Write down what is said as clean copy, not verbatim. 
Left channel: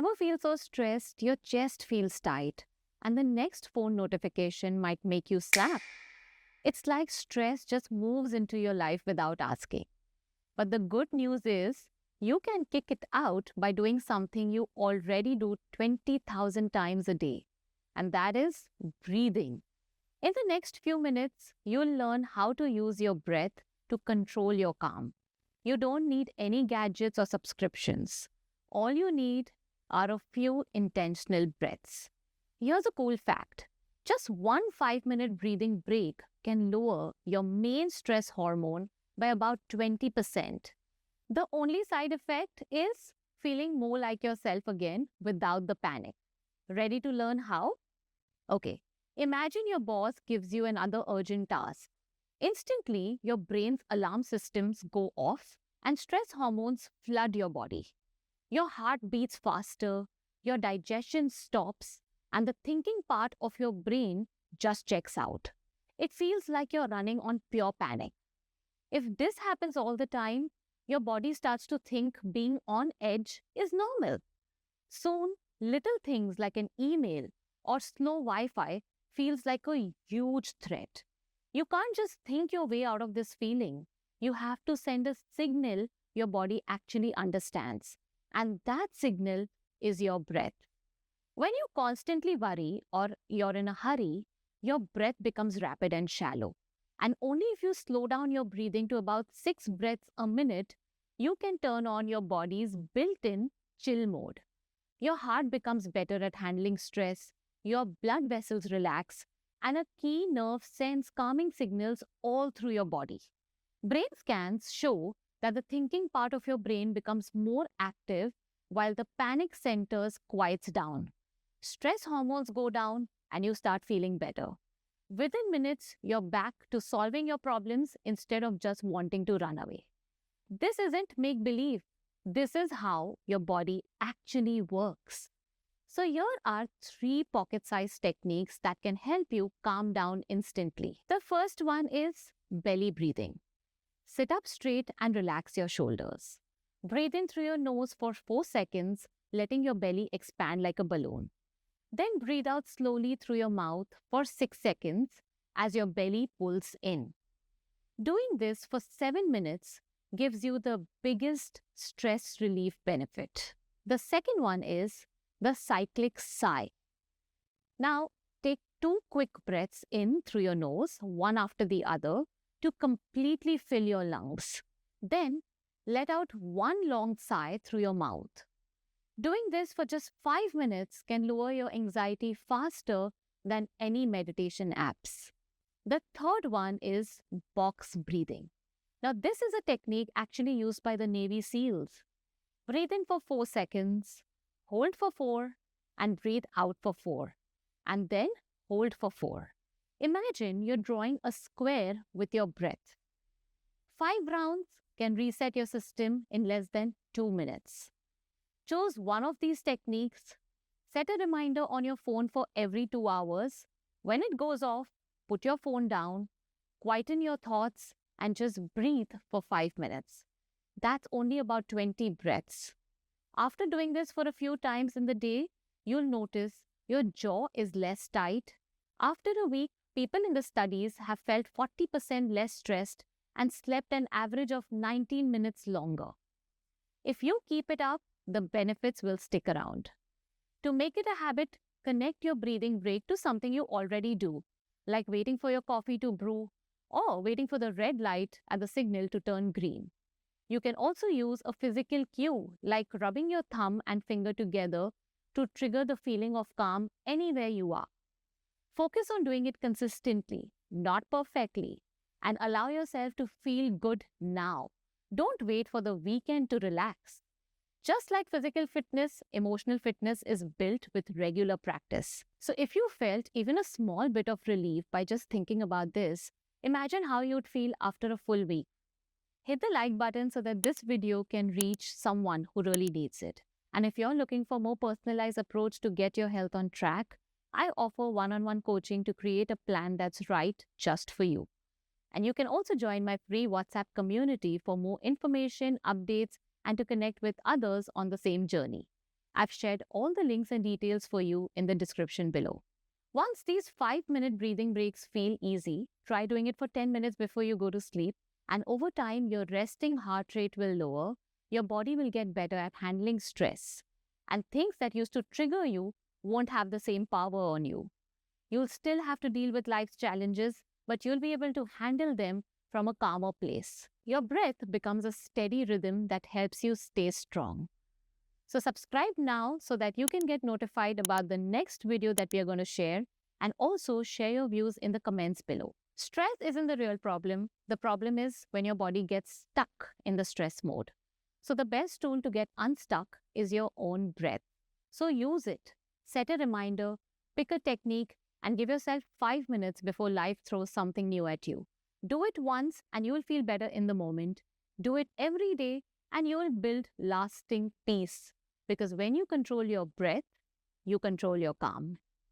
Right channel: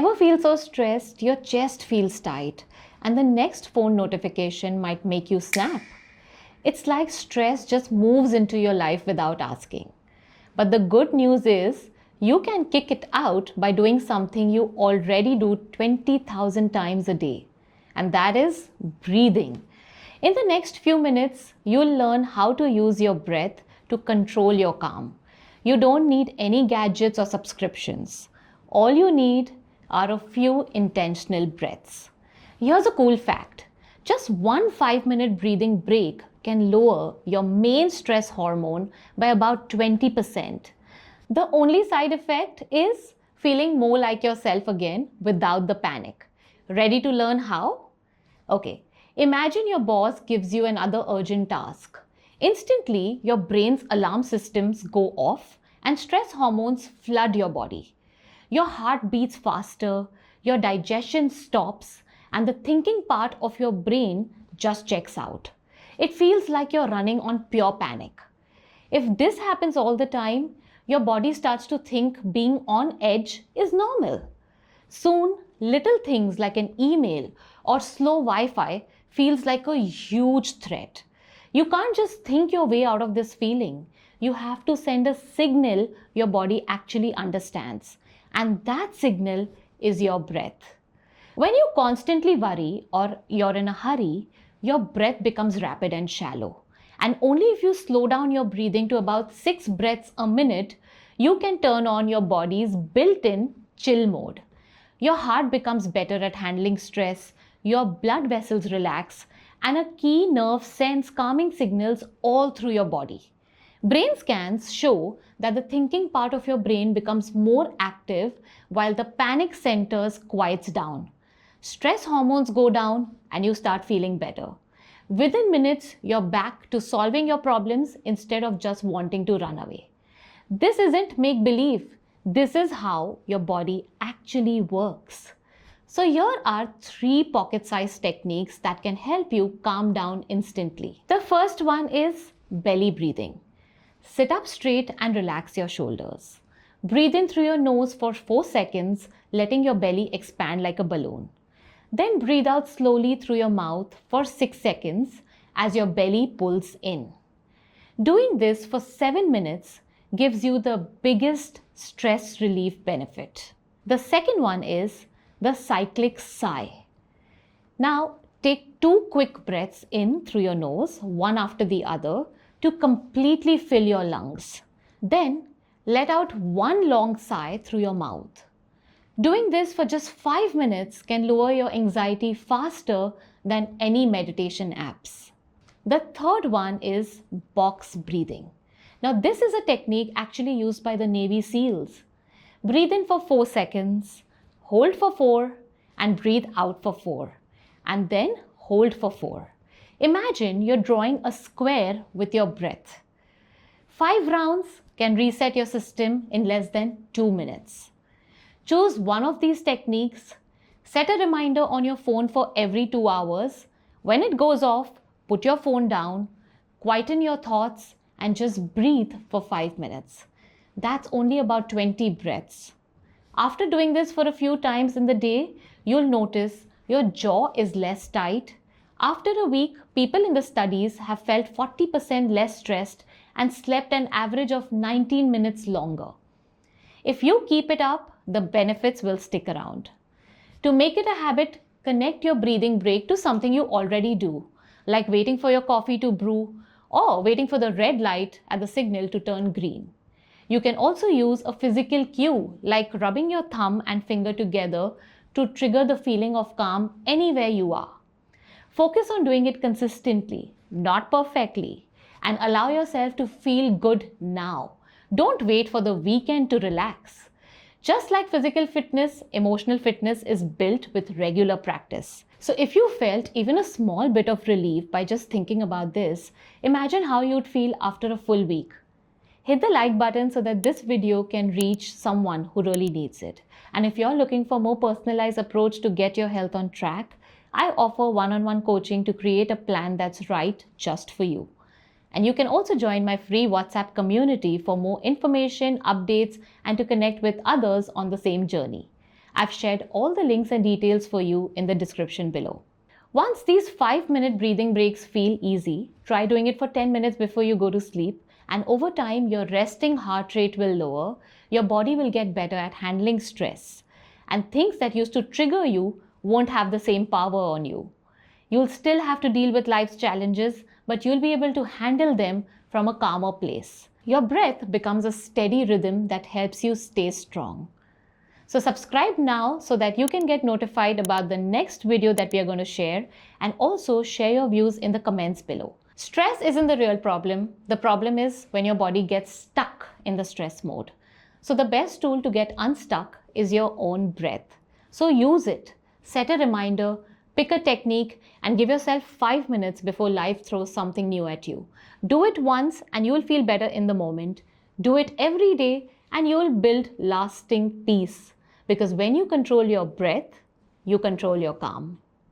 Ever feel so stressed, your chest feels tight, and the next phone notification might make you snap? It's like stress just moves into your life without asking. But the good news is, you can kick it out by doing something you already do 20,000 times a day, and that is breathing. In the next few minutes, you'll learn how to use your breath to control your calm. You don't need any gadgets or subscriptions. All you need are a few intentional breaths. Here's a cool fact: just one 5-minute breathing break can lower your main stress hormone by about 20%. The only side effect is feeling more like yourself again without the panic. Ready to learn how? Okay, imagine your boss gives you another urgent task. Instantly, your brain's alarm systems go off and stress hormones flood your body. Your heart beats faster, your digestion stops, and the thinking part of your brain just checks out. It feels like you're running on pure panic. If this happens all the time, your body starts to think being on edge is normal. Soon, little things like an email or slow Wi Fi feels like a huge threat. You can't just think your way out of this feeling. You have to send a signal your body actually understands. And that signal is your breath. When you constantly worry or you're in a hurry, your breath becomes rapid and shallow. And only if you slow down your breathing to about 6 breaths a minute, you can turn on your body's built in chill mode. Your heart becomes better at handling stress, your blood vessels relax, and a key nerve sends calming signals all through your body. Brain scans show that the thinking part of your brain becomes more active while the panic centers quiets down. Stress hormones go down and you start feeling better. Within minutes, you're back to solving your problems instead of just wanting to run away. This isn't make believe. This is how your body actually works. So here are 3 pocket-sized techniques that can help you calm down instantly. The first one is belly breathing. Sit up straight and relax your shoulders. Breathe in through your nose for 4 seconds, letting your belly expand like a balloon. Then breathe out slowly through your mouth for 6 seconds as your belly pulls in. Doing this for 7 minutes gives you the biggest stress relief benefit. The second one is the Cyclic Sigh. Now take 2 quick breaths in through your nose, one after the other, to completely fill your lungs. Then let out 1 long sigh through your mouth. Doing this for just 5 minutes can lower your anxiety faster than any meditation apps. The third one is box breathing. Now this is a technique actually used by the Navy SEALs. Breathe in for 4 seconds, hold for 4, and breathe out for 4, and then hold for 4. Imagine you're drawing a square with your breath. 5 rounds can reset your system in less than 2 minutes. Choose one of these techniques. Set a reminder on your phone for every 2 hours. When it goes off, put your phone down, quieten your thoughts, and just breathe for 5 minutes. That's only about 20 breaths. After doing this for a few times in the day, you'll notice your jaw is less tight. After a week, people in the studies have felt 40% less stressed and slept an average of 19 minutes longer. If you keep it up, the benefits will stick around. To make it a habit, connect your breathing break to something you already do, like waiting for your coffee to brew or waiting for the red light at the signal to turn green. You can also use a physical cue, like rubbing your thumb and finger together to trigger the feeling of calm anywhere you are. Focus on doing it consistently, not perfectly, and allow yourself to feel good now. Don't wait for the weekend to relax. Just like physical fitness, emotional fitness is built with regular practice. So if you felt even a small bit of relief by just thinking about this, imagine how you'd feel after a full week. Hit the like button so that this video can reach someone who really needs it. And if you're looking for more personalized approach to get your health on track, I offer one-on-one coaching to create a plan that's right just for you. And you can also join my free WhatsApp community for more information, updates, and to connect with others on the same journey. I've shared all the links and details for you in the description below. Once these 5-minute breathing breaks feel easy, try doing it for 10 minutes before you go to sleep, and over time, your resting heart rate will lower, your body will get better at handling stress, and things that used to trigger you won't have the same power on you. You'll still have to deal with life's challenges, but you'll be able to handle them from a calmer place. Your breath becomes a steady rhythm that helps you stay strong. So subscribe now so that you can get notified about the next video that we are going to share, and also share your views in the comments below. Stress isn't the real problem. The problem is when your body gets stuck in the stress mode. So the best tool to get unstuck is your own breath. So use it. Set a reminder, pick a technique, and give yourself 5 minutes before life throws something new at you. Do it once and you will feel better in the moment. Do it every day and you will build lasting peace. Because when you control your breath, you control your calm.